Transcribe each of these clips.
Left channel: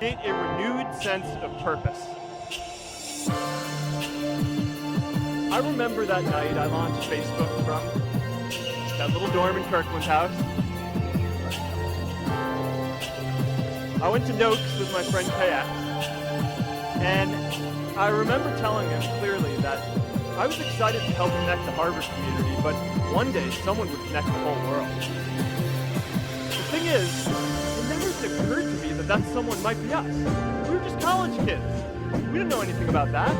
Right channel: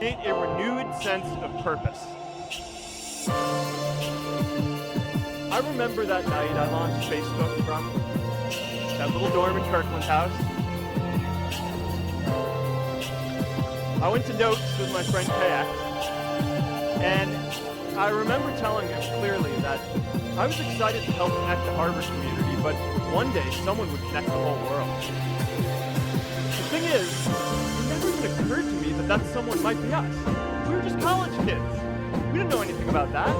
create a renewed sense of purpose. I remember that night I launched Facebook from that little dorm in Kirkland's house. I went to Noakes with my friend KX, and I remember telling him clearly that I was excited to help connect the Harvard community, but one day someone would connect the whole world. The thing is, it never even occurred to me that that someone might be us. We were just college kids. We didn't know anything about that.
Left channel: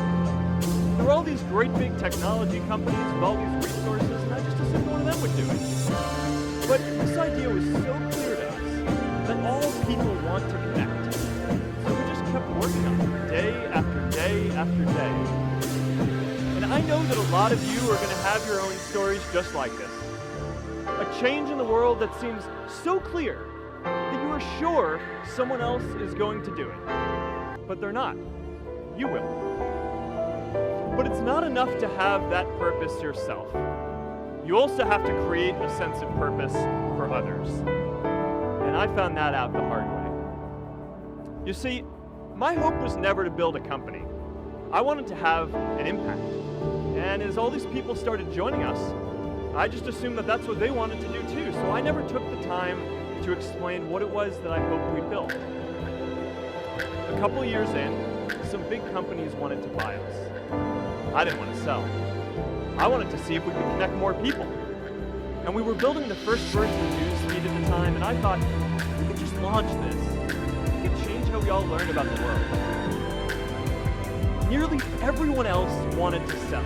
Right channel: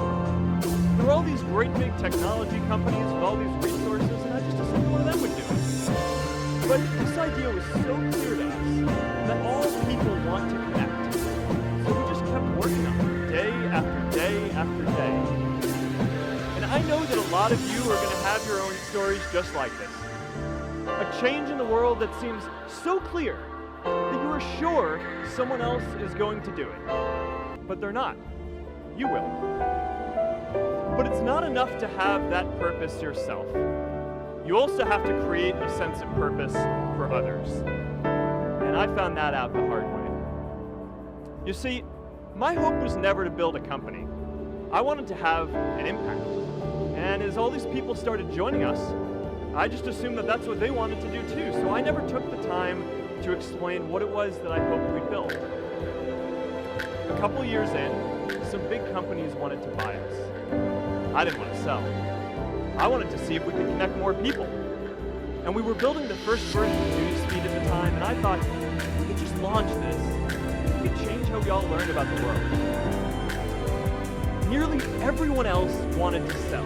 There were all these great big technology companies with all these resources, and I just assumed one of them would do it. But this idea was so clear to us that all people want to connect. So we just kept working on it, day after day after day. And I know that a lot of you are going to have your own stories just like this. A change in the world that seems so clear that you are sure someone else is going to do it. But they're not. You will. But it's not enough to have that purpose yourself. You also have to create a sense of purpose for others. And I found that out the hard way. You see, my hope was never to build a company. I wanted to have an impact. And as all these people started joining us, I just assumed that that's what they wanted to do too. So I never took the time to explain what it was that I hoped we'd build. A couple years in, some big companies wanted to buy us. I didn't want to sell. I wanted to see if we could connect more people. And we were building the first version of Newsfeed at the time, and I thought, if we could just launch this, we could change how we all learn about the world. Nearly everyone else wanted to sell.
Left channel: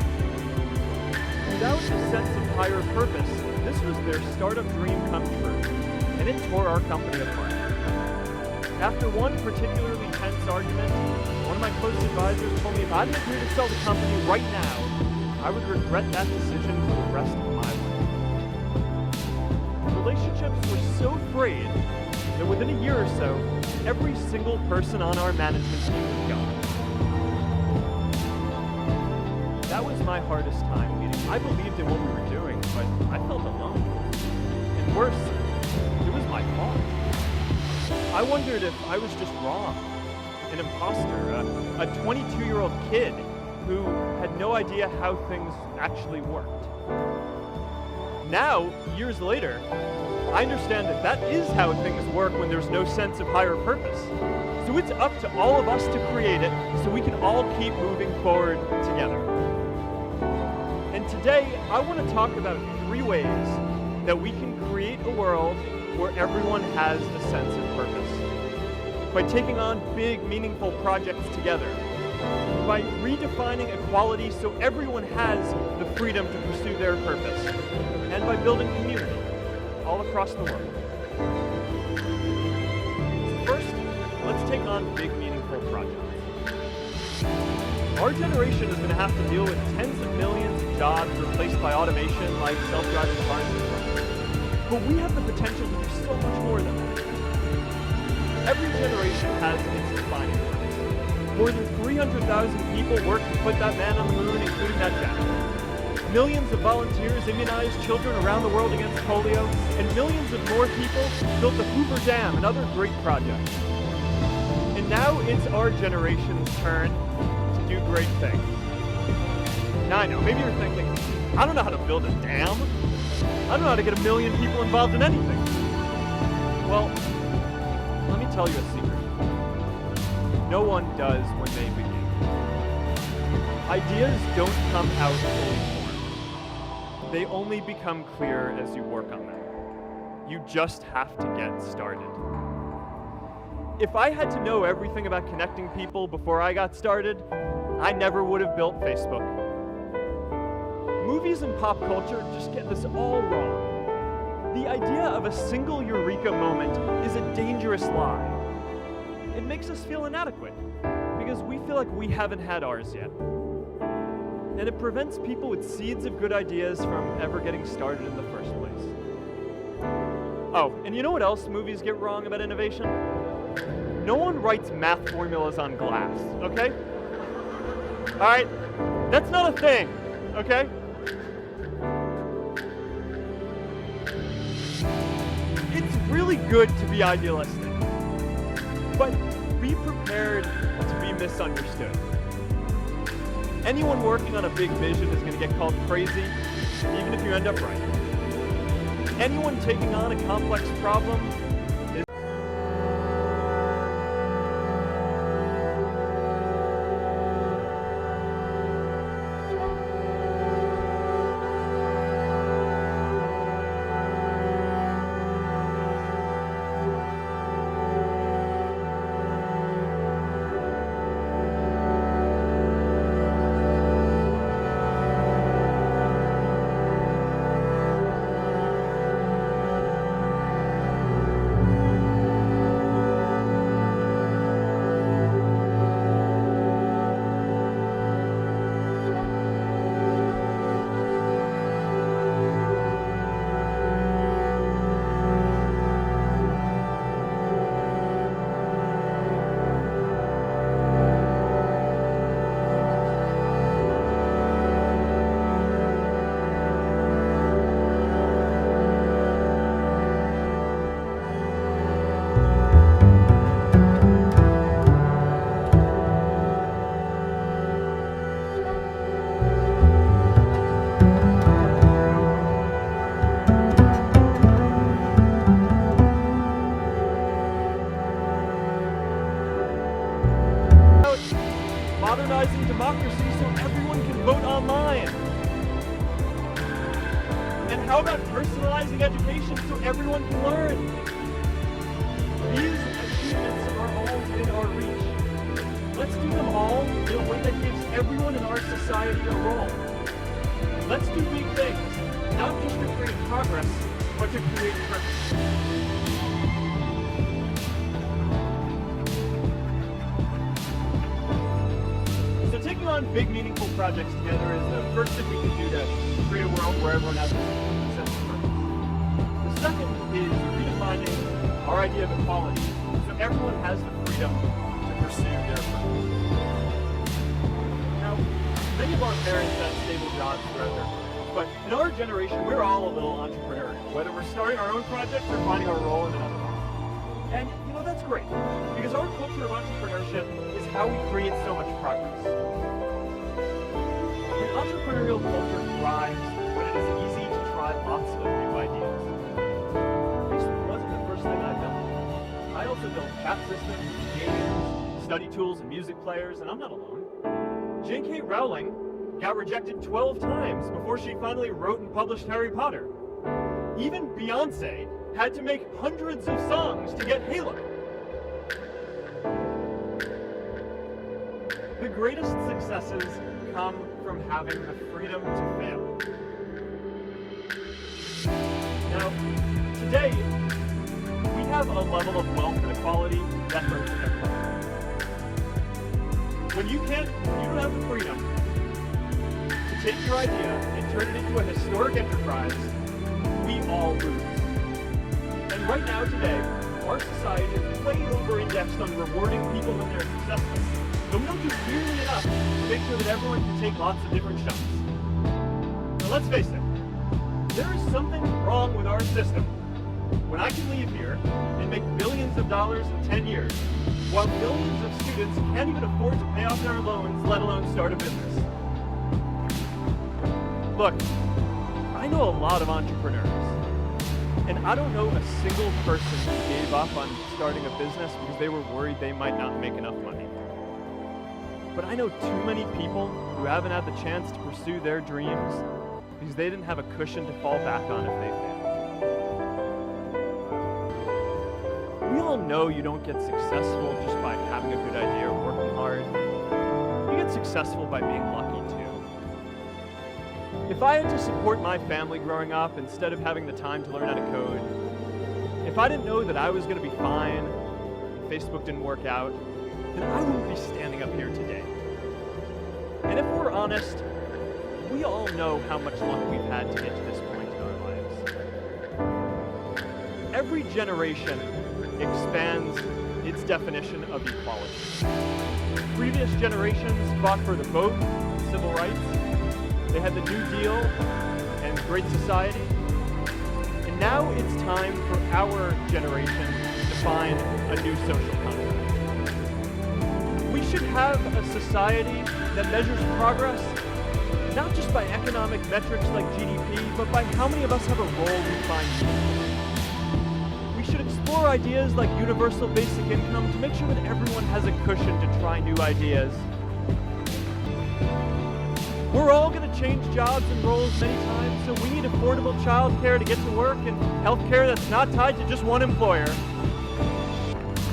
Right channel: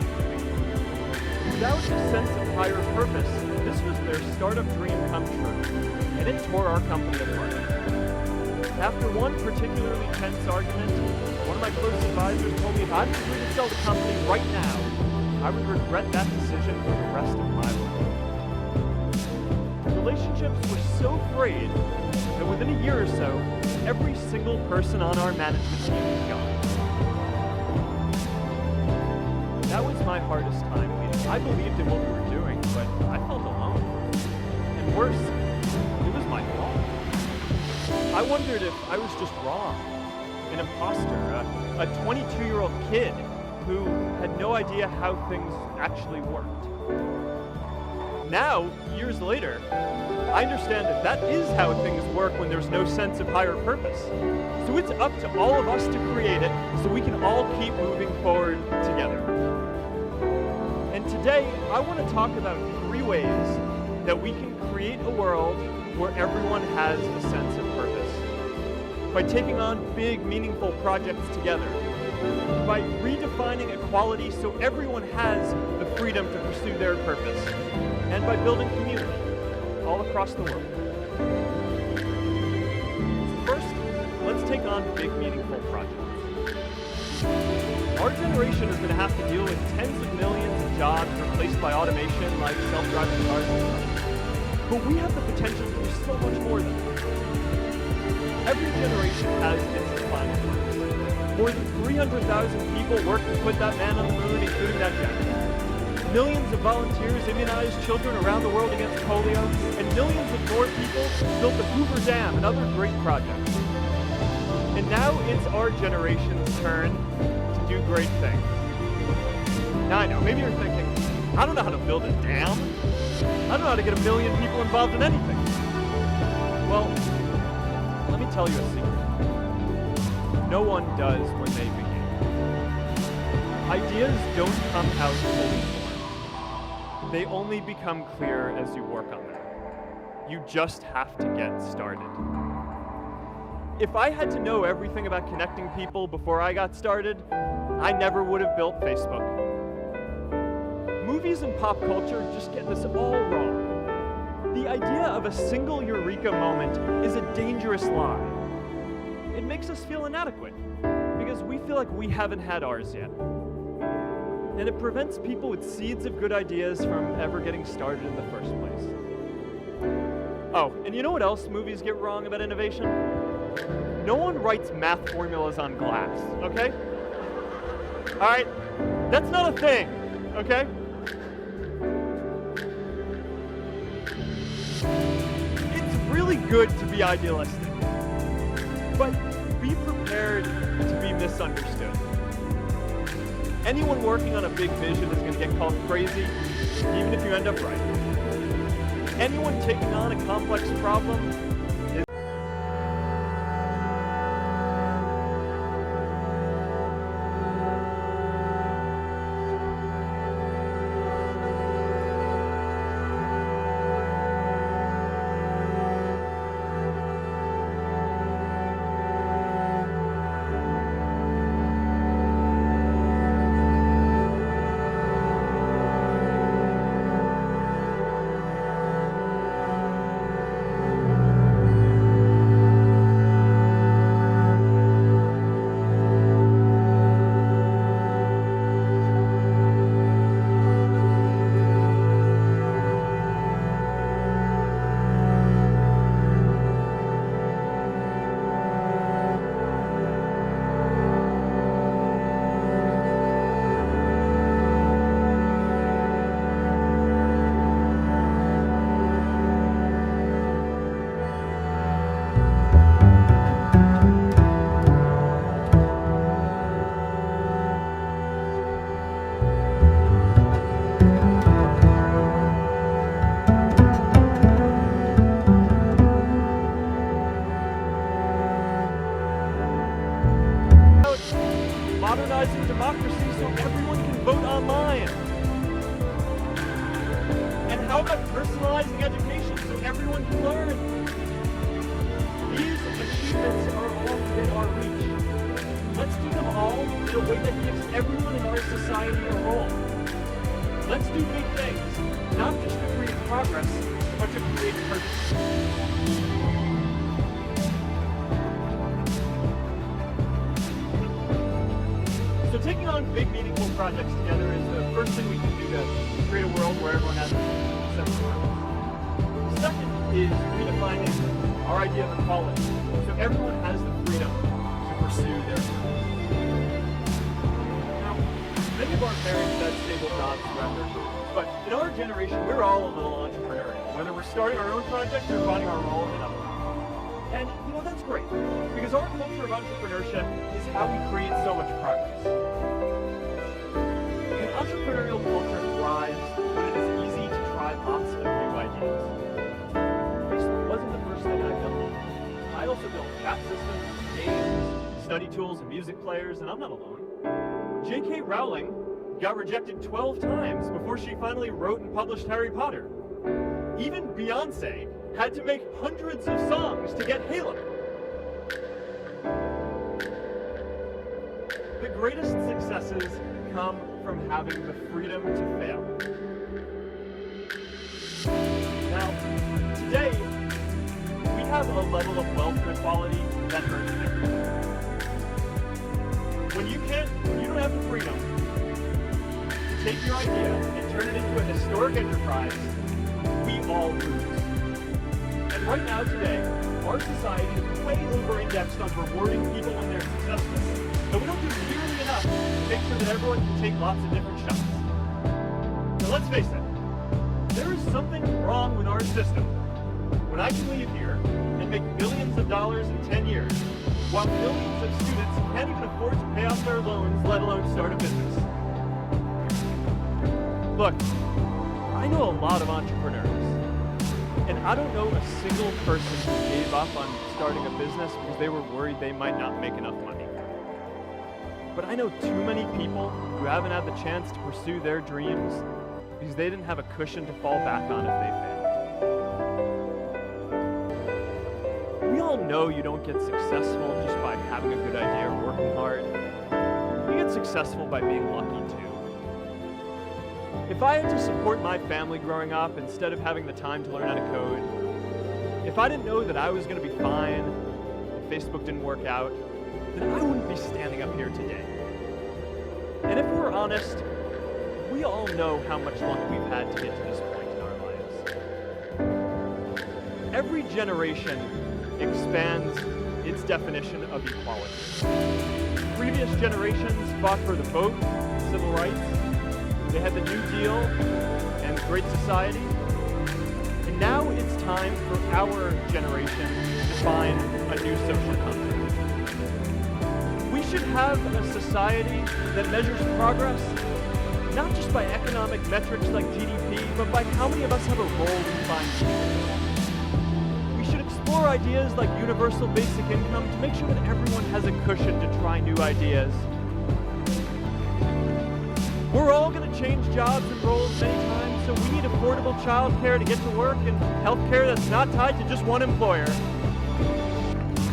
Without a sense of higher purpose, this was their startup dream come true, and it tore our company apart. After one particularly tense argument, one of my close advisors told me if I didn't agree to sell the company right now, I would regret that decision for the rest of my life. Relationships were so frayed that within a year or so, every single person on our management team was gone. That was my hardest time leading. I believed in what we were doing, but I felt alone. And worse, it was my fault. I wondered if I was just wrong, an imposter, a 22-year-old kid who had no idea how things actually worked. Now, years later, I understand that that is how things work when there's no sense of higher purpose. So it's up to all of us to create it so we can all keep moving forward together. And today, I want to talk about 3 ways that we can create a world where everyone has a sense of purpose. By taking on big, meaningful projects together. By redefining equality so everyone has the freedom to pursue their purpose. And by building community all across the world. So first, let's take on big, meaningful projects. Our generation is going to have to deal with tens of millions of jobs replaced by automation like self-driving cars and trucks. But we have the potential to do so much more than that. Every generation has its defining works. More than 300,000 people worked to put that man on the moon, including that janitor. Millions of volunteers immunized children around the world against polio, and millions of more people built the Hoover Dam and other great projects. And now it's our generation's turn to do great things. Now I know, maybe you're thinking, I don't know how to build a dam. I don't know how to get 1 million people involved in anything. Well, let me tell you a secret. No one does when they begin. Ideas don't come out fully formed. They only become clear as you work on them. You just have to get started. If I had to know everything about connecting people before I got started, I never would have built Facebook. Movies and pop culture just get this all wrong. The idea of a single eureka moment is a dangerous lie. It makes us feel inadequate because we feel like we haven't had ours yet. And it prevents people with seeds of good ideas from ever getting started in the first place. Oh, and you know what else movies get wrong about innovation? No one writes math formulas on glass, okay? All right, that's not a thing, okay? It's really good to be idealistic, but be prepared to be misunderstood. Anyone working on a big vision is going to get called crazy, even if you end up right. Anyone taking on a complex problem is modernizing democracy so everyone can vote online? And how about personalizing education so everyone can learn? These achievements are all within our reach. Let's do them all in a way that gives everyone in our society a role. Let's do big things, not just to create progress, but to create purpose. So taking on big, meaningful projects together is the first thing we can do to create a world where everyone has a sense of purpose. The second is redefining our idea of equality, so everyone has the freedom to pursue their purpose. Now, many of our parents had stable jobs throughout their careers, but in our generation, we're all a little entrepreneurial, whether we're starting our own projects or finding our role in another one. And, that's great, because our culture of entrepreneurship is how we create so much progress. An entrepreneurial culture thrives when it is easy to try lots of new ideas. Facebook wasn't the first thing I built. I also built chat systems, games, study tools, and music players, and I'm not alone. J.K. Rowling got rejected 12 times before she finally wrote and published Harry Potter. Even Beyonce had to make hundreds of songs to get Halo. The greatest successes come from having the freedom to fail. Now, today, we have a level of wealth inequality that hurts everyone. When you don't have the freedom to take your idea and turn it into a historic enterprise, we all lose. And right now, today, our society is way over-indexed on rewarding people when they're successful. And we don't do nearly enough to make sure that everyone can take lots of different shots. So let's face it, there is something wrong with our system when I can leave here and make billions of dollars in 10 years, while millions of students can't even afford to pay off their loans, let alone start a business. Look, I know a lot of entrepreneurs, and I don't know a single person who gave up on starting a business because they were worried they might not make enough money. But I know too many people who haven't had the chance to pursue their dreams because they didn't have a cushion to fall back on if they failed. We all know you don't get successful just by having a good idea or working hard. You get successful by being lucky too. If I had to support my family growing up instead of having the time to learn how to code, if I didn't know that I was going to be fine if Facebook didn't work out, then I wouldn't be standing up here today. And if we're honest, we all know how much luck we've had to get to this point in our lives. Every generation expands its definition of equality. Previous generations fought for the vote and civil rights. They had the New Deal and Great Society. And now it's time for our generation to define a new social contract. We should have a society that measures progress not just by economic metrics like GDP, but by how many of us have a role we find meaningful. We should explore ideas like universal basic income to make sure that everyone has a cushion to try new ideas. We're all going to change jobs and roles many times, so we need affordable childcare to get to work and healthcare that's not tied to just one employer.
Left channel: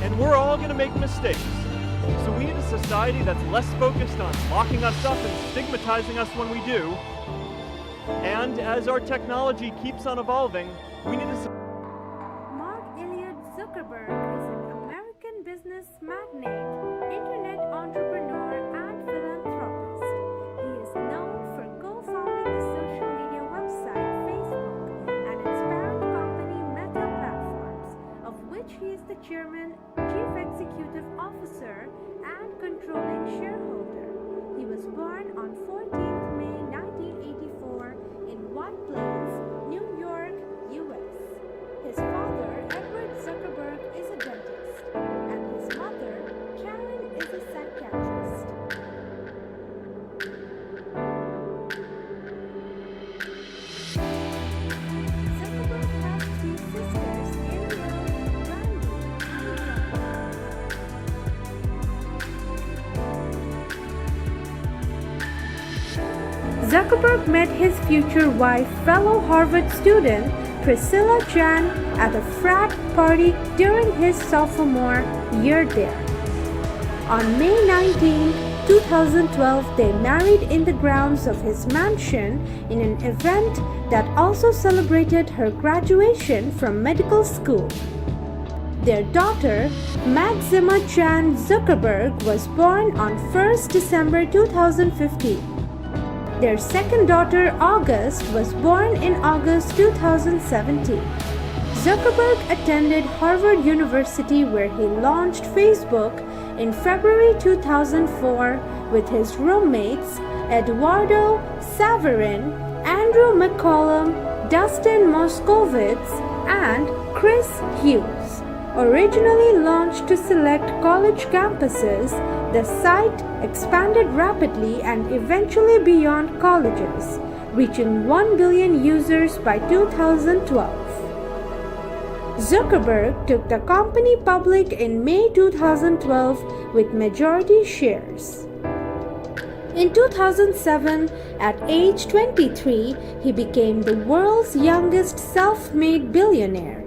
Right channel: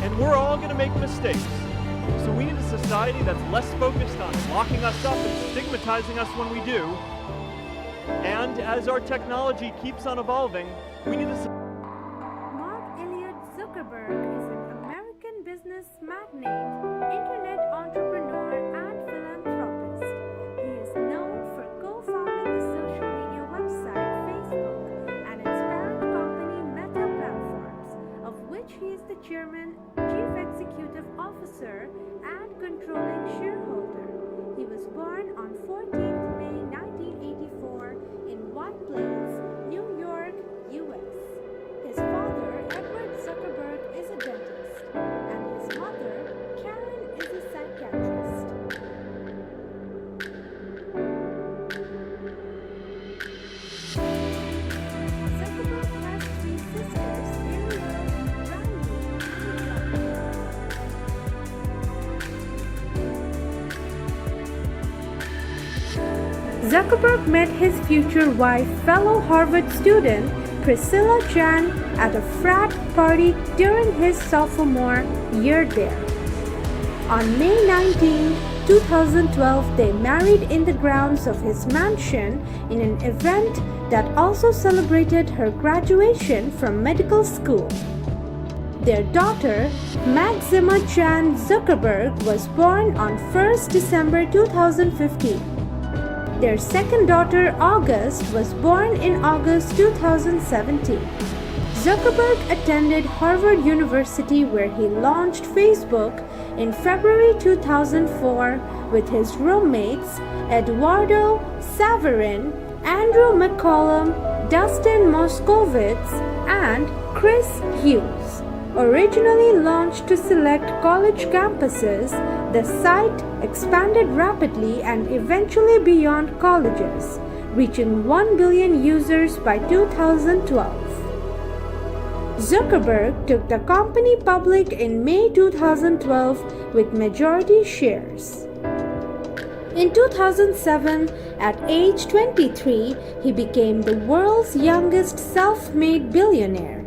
And we're all going to make mistakes. So we need a society that's less focused on locking us up and stigmatizing us when we do. And as our technology keeps on evolving, we need to... Mark Zuckerberg is an American business magnate, internet entrepreneur, and philanthropist. He is known for co-founding the social media website Facebook and its parent company Meta Platforms, of which he is the chairman, chief executive officer, and controlling shareholder. He was born on 14th May 1984 in White Plains, New York, US. His father, Edward Zuckerberg, is a dentist, and his mother, Karen, is a psychiatrist. Zuckerberg has three sisters, Ariel, Brandy, and John. Zuckerberg met his future wife, fellow Harvard student Priscilla Chan, at a frat party during his sophomore year there. On May 19, 2012, they married in the grounds of his mansion in an event that also celebrated her graduation from medical school. Their daughter, Maxima Chan Zuckerberg, was born on 1st December 2015. Their second daughter, August, was born in August 2017. Zuckerberg attended Harvard University, where he launched Facebook in February 2004 with his roommates Eduardo Saverin, Andrew McCollum, Dustin Moskowitz, and Chris Hughes. Originally launched to select college campuses, the site expanded rapidly and eventually beyond colleges, reaching 1 billion users by 2012. Zuckerberg took the company public in May 2012 with majority shares. In 2007, at age 23, he became the world's youngest self-made billionaire.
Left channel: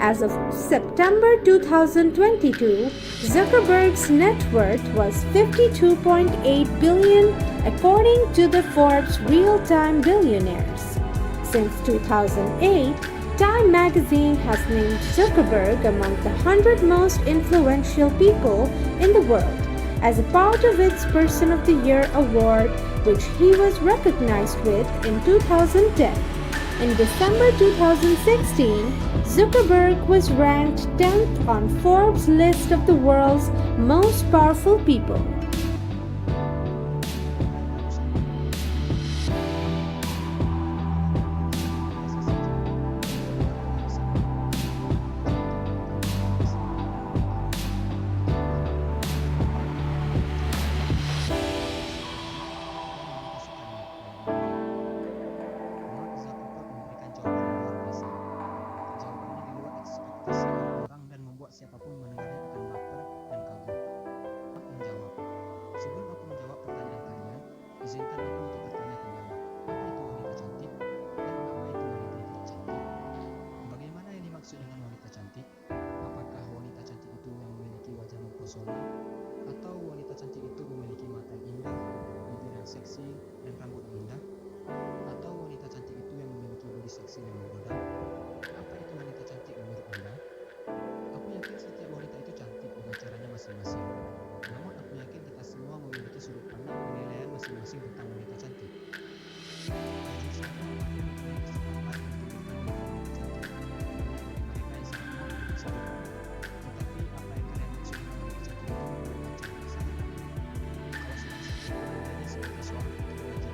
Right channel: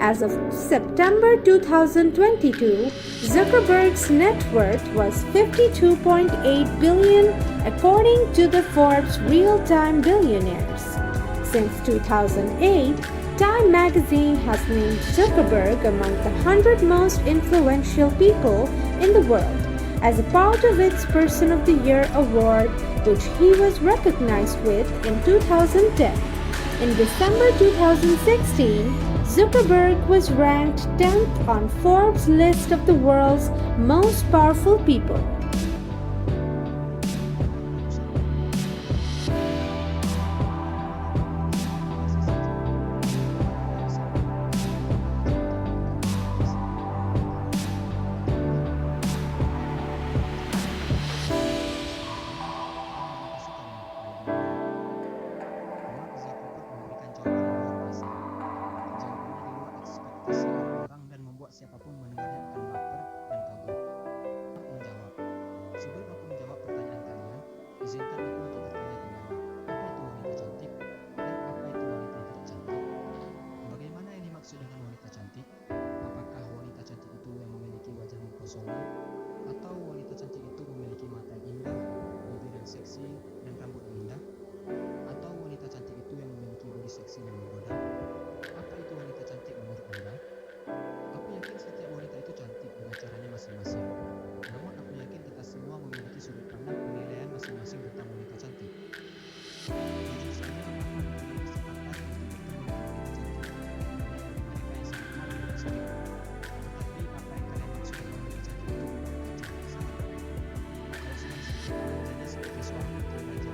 As of September 2022, Zuckerberg's net worth was $52.8 billion according to the Forbes Real-Time Billionaires. Since 2008, Time magazine has named Zuckerberg among the 100 most influential people in the world as a part of its Person of the Year award, which he was recognized with in 2010. In December 2016, Zuckerberg was ranked 10th on Forbes' list of the world's most powerful people. Siapapun mendengarnya akan baper dan kagum. Mark menjawab, sebelum aku menjawab pertanyaan kalian, izinkan aku untuk bertanya kembali, apa itu wanita cantik dan apa itu wanita yang tidak cantik? Bagaimana yang dimaksud dengan wanita cantik? Apakah wanita cantik itu yang memiliki wajah mempesona? Atau wanita cantik itu memiliki mata yang indah, bibir yang seksi, dan rambut yang indah? Atau wanita cantik itu yang memiliki bodi seksi dan menggoda? Apa itu wanita cantik menurut Anda? Aku yakin setiap wanita itu cantik dengan caranya masing-masing. Namun aku yakin kita semua memiliki sudut pandang penilaian masing-masing tentang wanita cantik. Jujur saja, aku mempunyai kesempatan untuk bertemu dengan wanita cantik. Banyak dari mereka yang sangat mau dengan istriku. Tetapi apa yang kalian maksud dengan wanita cantik itu ibarat kaca, sangat rapi. Kalau sedang sakit, manjanya seperti seorang putri raja.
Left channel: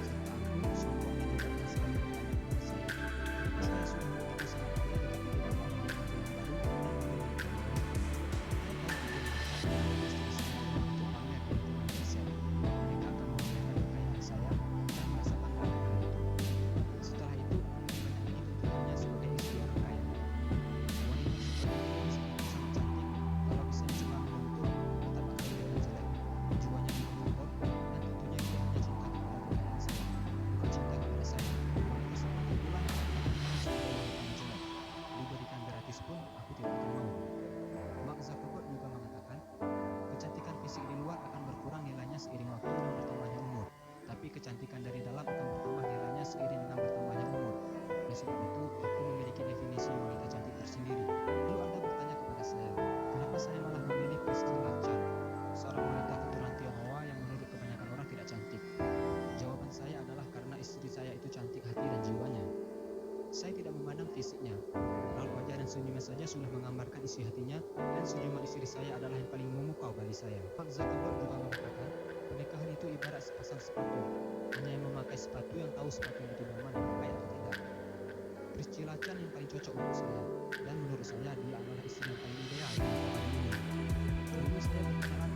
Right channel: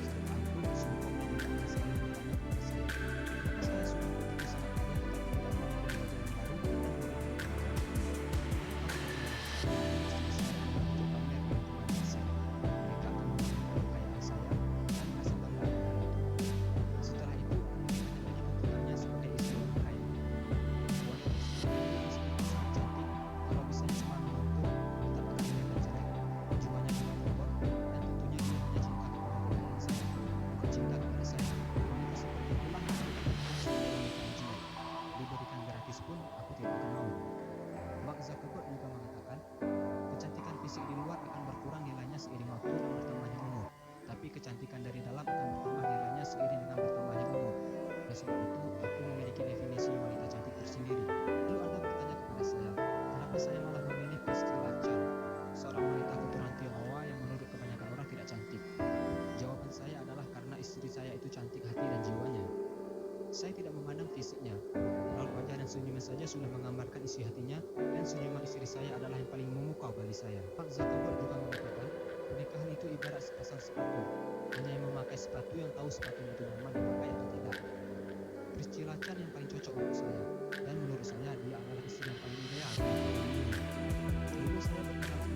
Serta angkuh, sombong dan juga akan selalu bertanya kepada saya, kenapa saya sudah begitu sangat kaya tetapi tidak mau membeli mobil yang baru dan mobil yang lebih mewah? Saya tahu tujuan mereka untuk menjadi istri saya adalah untuk waktu dan bertambahnya umur, tapi kecantikan dari dalam akan bertambah nilainya seiring dengan bertambahnya umur. Oleh sebab itu, aku memiliki definisi wanita cantik tersendiri. Lalu Anda bertanya kepada saya, kenapa saya malah memilih Priscilla Chan, seorang wanita keturunan Tionghoa yang menurut kebanyakan orang tidak cantik? Jawaban saya adalah karena istri saya itu cantik hati dan jiwanya. Saya tidak memandang fisiknya. Raut wajah dan senyumnya saja sudah menggambarkan isi hatinya, dan senyuman istri saya adalah yang paling memukau bagi saya. Mark Zuckerberg juga mengatakan, pernikahan itu ibarat sepasang sepatu. Hanya yang memakai sepatu yang tahu sepatu itu nyaman dipakai atau tidak. Priscilla Chan yang paling cocok untuk saya, dan menurut saya dia adalah istri yang paling ideal untuk hari ini. Dulu saya berkenalan